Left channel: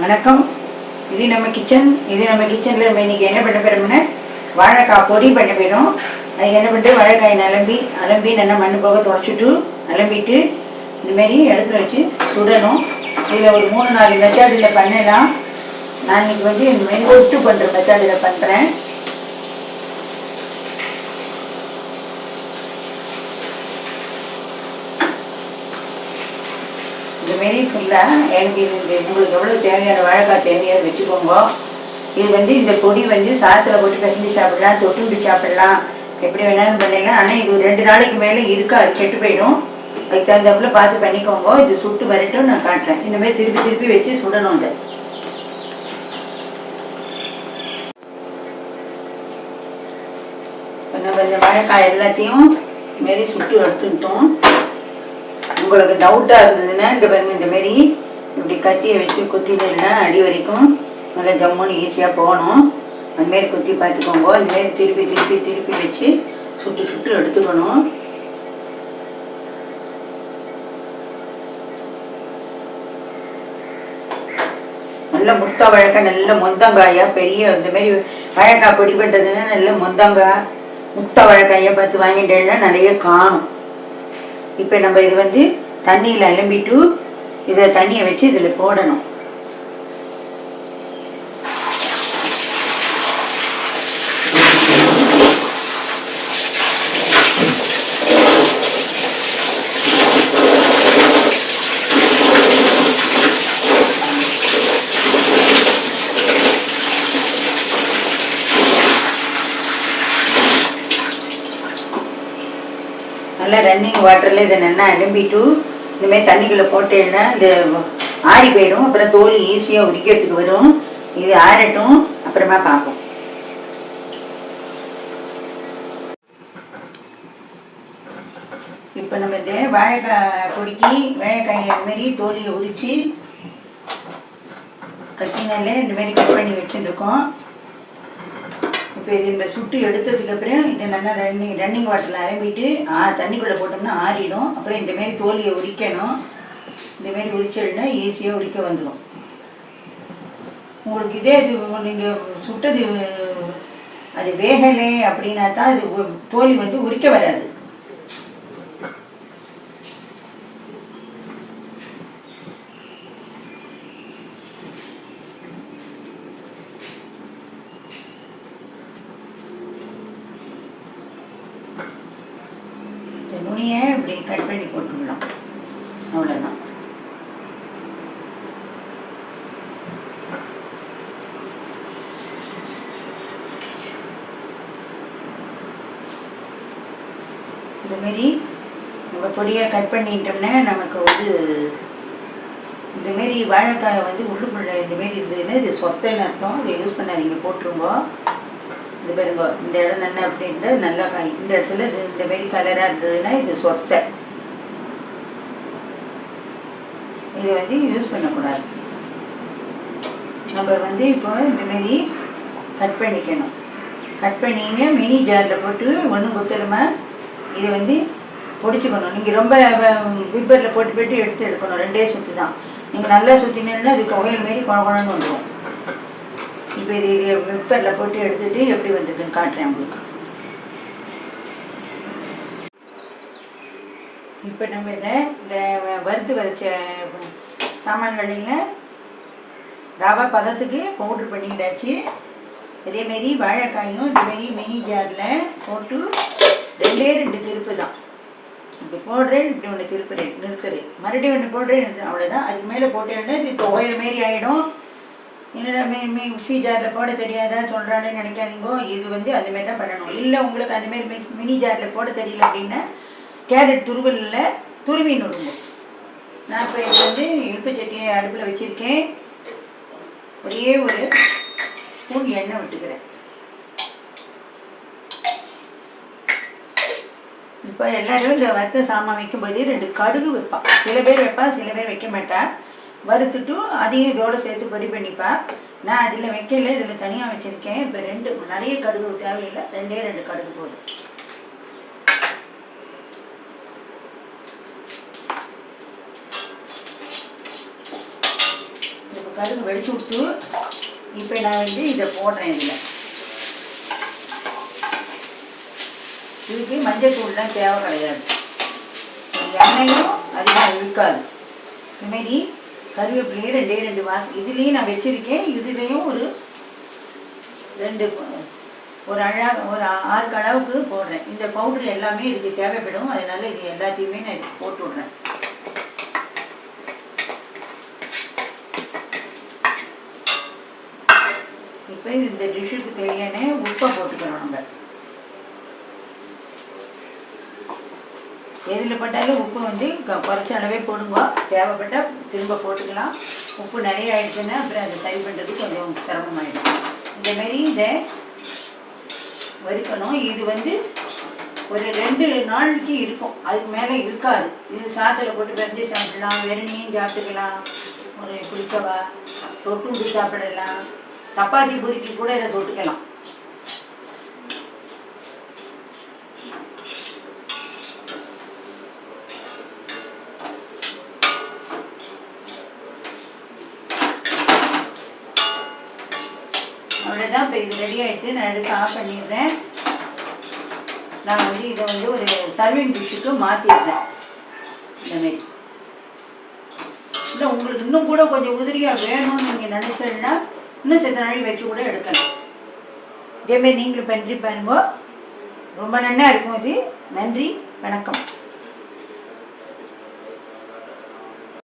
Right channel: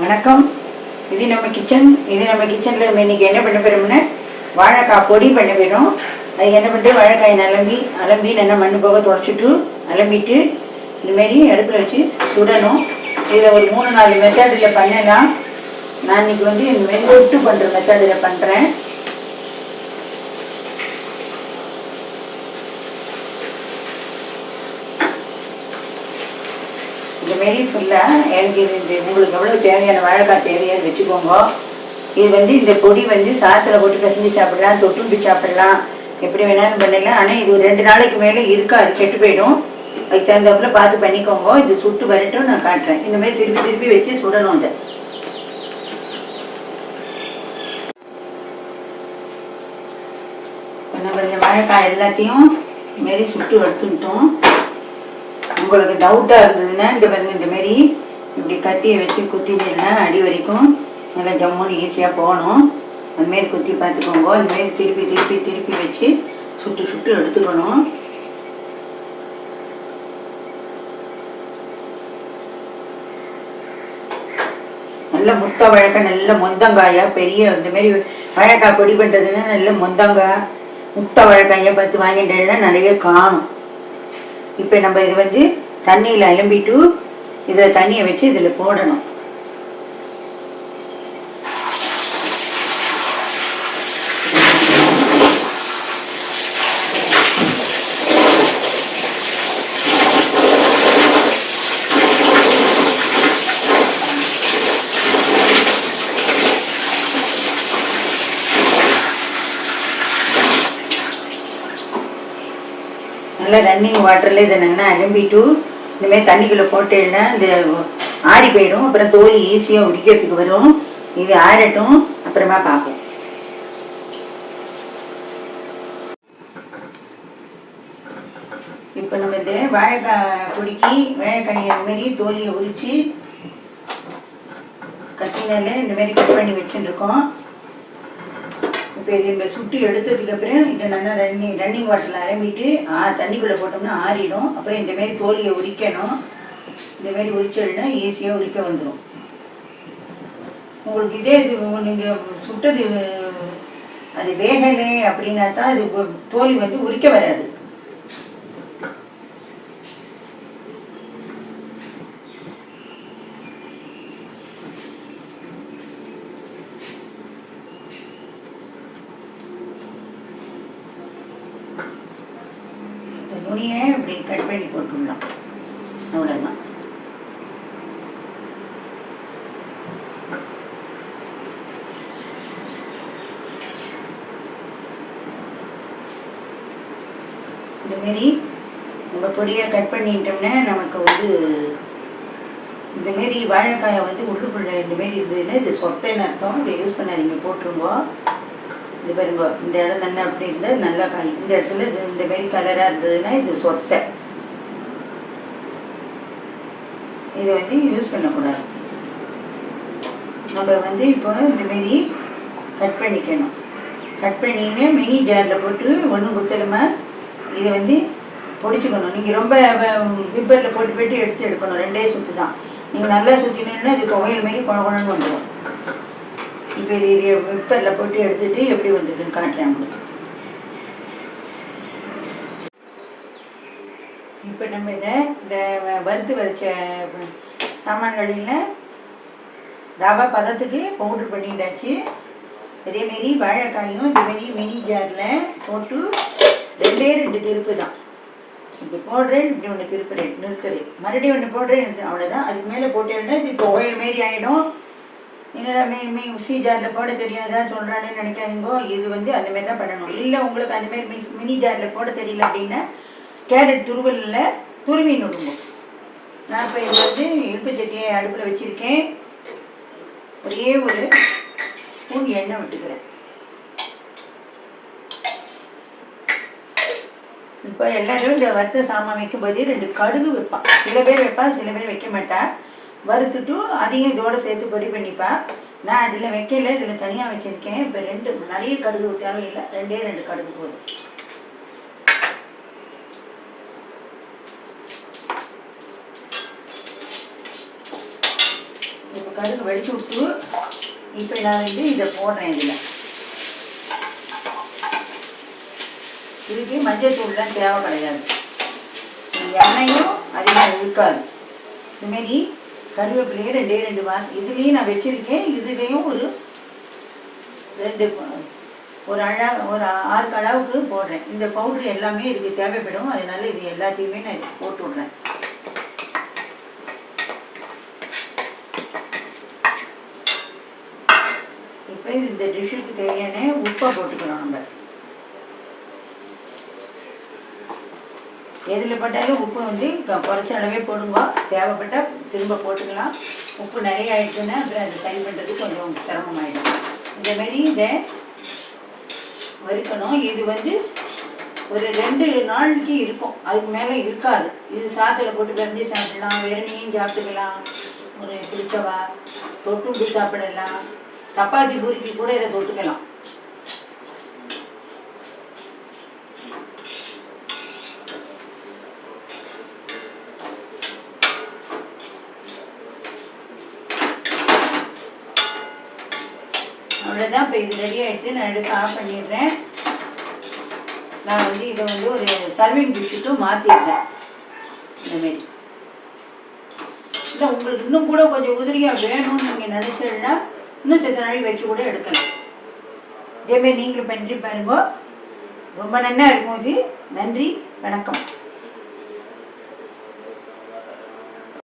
வணக்கம். இது நம்ம கிச்சன் இது நம்ம கிச்சனில் நம்ம இன்னைக்கு என்ன பண்ண போகிறோம்னா வாழைக்காய் பொடி பண்ண போயிடும் அதுக்கு என்ன பண்ணிட்டு வாழைக்காய் நிலம்பி அலம்பி நல்லா மண்ணு போக தொடச்சிட்டு அலம்பிட்டு இதுமாரி இடத்துல வச்சு சுடணும். இதில் ஒரு மூணு நாலு மெத்தடில் பண்ணலாம். நான் இன்னைக்கு வந்து மென் ஒட்டு பண்ணுற மெத்தடில் பண்ணுறேன் மெரிட் இல்லை எனக்கு இது உங்களுக்கு எவ்வளோ தேவையான வாழைக்காய் தேவையோ வச்சுக்கோங்க. இது வந்து இந்த பொடி வந்து சாத்தில் போட்டு பிசைஞ்சு சாப்பிடலாம் தொட்டுண்டு சாப்பிடலாம். எப்படி வேணாலும் பண்ணிடலாம் ஆனால் இது ஒரு ரெண்டு நாளைக்கு மேலே இருக்கா கெட்டு போயிடும். அதுக்கு தகுந்தாப்புல பார்த்து பண்ணிக்கோங்க. இது சுட்டு வரட்டும் நான் காட்டுறேன். இந்த மாதிரி திருப்பி திருப்பி வச்சு சுடணும் இதை. நம்ம இந்த வாழைக்காய் எல்லாத்தையும் இது மாரி சுட்டு எடுத்துக்கிட்டோம். உங்களுக்கு டவுட்டாக இருந்ததுன்னா இந்த பாருங்க இந்த மாரி இப்படி கத்தியை வச்சு குத்தினா அடி வரைக்கும் நல்லா ஜம்முன்னு ஈஸியாக போகணும். அந்த மாரி குத்தி பார்த்துக்கோங்க. அந்த மாரி திருப்பி திருப்பி திருப்பி வச்சு சுட்டு சுட்டு எடுத்துக்கணும் நல்ல முத்த வாழைக்காய் நல்ல மொந்தங்காயா பெரிய இந்த மாதிரி வாழைக்காய் பிடிபட்டதுன்னா நல்ல மொந்தங்காய் முத்த வாழைக்காயை பார்த்து வாங்கிட்டேன்னா நிறைய காணும். இப்போ நம்ம இது வந்து தண்ணியில் அலம்பிட்டு இதை தண்ணியை வச்சு இதில் போடணும். நல்லா ரன்னிங் வாட்டரில் இதை நல்லா அலம்பிட்டு இனிமேல் தண்ணிக்குள்ளே போட்டேன்னா இந்த ஆறி போயிடும். அப்புறம் தோல் ஈஸியாக உரிக்கிறதுக்கு வரும். இது ஆறட்டும். அப்புறமா பார்ப்போம். இப்போ நம்ம இந்த வாழைக்காய் பொடிக்கி வாழைக்காயை இந்த மாதிரி தோலியை உரித்து கத்தினால இந்த மாதிரி கட் பண்ணி வச்சுருக்கோம். இப்போ இது இந்த சுட்டு எடுத்ததுக்கு அப்புறம் இதை நல்லா ரன்னிங் ரன்னிங் வாட்டரில் அலம்பிட்டு ஆ தண்ணிக்குள்ளே போட்டோம்னா ஆறிடும். அப்புறம் இந்தமாரி தோலியை உரிக்கணும். இந்த மாதிரி உரிச்சிடனா ஈஸியாக உரிக்க வந்துடும் உங்களுக்கு இதே இது நீங்கள் சுட்டது அது வேகலை அப்படின்னா தான் அது தோழி தோலி வந்து உரிக்க வராது. துணியை இப்படி கட் பண்ணி போட்டுடலாம். அவ்வளோதான் இந்த மாதிரி நம்ம பொடியாக கட் பண்ணிட்டோம்னா நமக்கு வந்து இந்தமாரி வாழைக்காயை வந்து உள்ளுக்குள்ள இந்தமாரி இருந்ததுன்னா இது சொத்தைன்னு அர்த்தம். இதை யூஸ் பண்ணாதீங்க போட்டுருங்க. இது பாருங்க இந்த இடம் நல்லா அப்படி இருந்தால் நல்லா காய் இந்த இடத்துல இது இந்த மாதிரி கலராக இருந்ததுன்னா இது சொத்தை. இதை வந்து யூஸ் பண்ணக்கூடாது. நம்ம வந்து இப்போ இந்த மாரி கட் பண்ணிக்கணும். கட் பண்ணின்னு மினி ஜாரில் போட்டு ஒன்றும் குத்தலுமா இதை வந்து பொடிச்சுக்கணும். நீங்கள் ரொம்ப விப்பரில் போட்டு போட்டு எடுத்து எடுக்கணும். ரெண்டே சுற்றி தான் நீங்கள் நல்லா சுற்றினீங்கன்னா அது துவையல் மாரி குழ குழன்னு வந்துடும் இப்போ இது இது போட்டு எடுத்துட்டு எப்படி வந்ததுன்னு காட்டுறேன் உங்களுக்கு. இப்போ நம்ம இதை இந்த வறுத்து வரைச்ச சாமான்களில் ரவை பதத்துக்கு பவுட்ரு பண்ணிட்டாச்சு இதேமாரி வாழைக்காயும் இதுமாரி மினி ஜாரில் போட்டு ரெண்டே ரெண்டு திருப்பு தான். இப்படி போடுறேன் இப்படி ஒன்று திருப்புறேன் நிறுத்துறேன். மறுபடியும் ஒன்று போடுறேன் அவ்வளோதான் அதுக்கு மேலே போட்டேன்னா இது துவையல் மாரி ஆகிடும் என்னடா மிக்ஸி ஜாரில் போட தெரியாதான் சொல்கிறான்னு நினைக்காதீங்க. இது வந்து அதுமாரி மாதிரி தான் பண்ணணும். இல்லை உங்களுக்கு அதுமாரி மிக்ஸ் மினி ஜாரில் போட தெரியல அப்படின்னா கேரட் துருவலில் துருவி நடுங்க. நான் இப்போ இது வந்து இழுப்பு சட்டியை அடுப்பில் வச்சுருக்கேன். ஒரே ஒரு ஸ்பூன் எண்ணெய் விட்டுக்கிறேன். இப்போ எல்லாரும் இந்த வறுத்த சாமான் வைக்கும்போது ரெண்டு கடுகு வைப்பான். சில பேர் வைப்பான் சில பேர் வைக்க மாட்டான். வறுத்துட்டும் அதையும் இதோட சேர்த்து பொடி பண்ணிப்பேன். நான் இதில் வைக்கல இதில் தனியாக வச்சுருக்கேன். இப்போ ரெண்டு நிறைய கடுகு தேவையில்லை. ரெண்டே ரெண்டு கடுகு போதும். இப்போ கடுகு வெடிச்சு விட்டு இப்போ நான் வந்து இதை போடுறேன் இதில். இதுக்கு மஞ்சள் தூள்லாம் தேவை கிடையாது. எண்ணெயும் அதிகமாக இருக்காது. இதுமாரி கருவேப்பிலையும் ரெண்டே ரெண்டு வாசம் இதுலேயும் நான் வச்சுருக்கேன். இதுலேயும் ஒரு ரெண்டு ஒரு அழகாக ஒரு ஆறு அளவுக்கு போடுறேன். இந்த பவுடர் எல்லாமே இதுக்கு தேவைப்படும். அதனால இது எல்லாத்தையுமே நான் இதுக்கு போட்டு விட்றேன். இப்போ இந்த டிஷ்ஷுக்கு தேவையான உப்பை போட்டுக்கிறோம் நம்ம. எதில் போட்டாலும் உப்பு வந்து க- குறைச்ச அளவே போடுங்க. தேவைப்பட்டால் திரும்ப போட்டுக்கலாம். உப்பு நிறைய ஆயிடுச்சுன்னா அப்புறம் அதை சரி பண்ணுறதுக்கு கொஞ்சம் சிரமமாயிடும். இந்த மாதிரி இதை வறுக்கணும். இது வந்து ஒரு ரெண்டு நாளைக்கு இருக்கும். அதுக்கு மேலே இருக்காது. இது சாத்தில் போட்டு பிறந்து சாப்பிடலாம். வெறுமையும் சாப்பிட்டுக்கலாம். ஒரு பிடிச்சவா தொட்டுண்டு சாப்பிடலாம். சப்பாத்தி பூரிக்கு கூட இதை தொட்டுக்கலாம். அவ்வளோதான் இப்போ இது ரெடி ஆகிட்டு நான் எடுத்து ஆஃப் பண்ணிடுறேன். நான் வந்து இதை வந்து ஒரு சர்விங் டிஷ்ஷுக்கு மாற்றிடுறேன் இந்தமாரி இல்லை உங்களுக்கு இன்னும் கூட கொஞ்சம் உதிரியாக வேணும்னு நீங்கள் நினச்சீங்கன்னா இன்னும் சித்த நாளைக்கு வச்சு கூட எடுக்கலாம். இதேமாரி நீங்களும் பண்ணி பாருங்க. ரொம்ப நன்னா இருக்கும் இது. நன்றி வணக்கம்.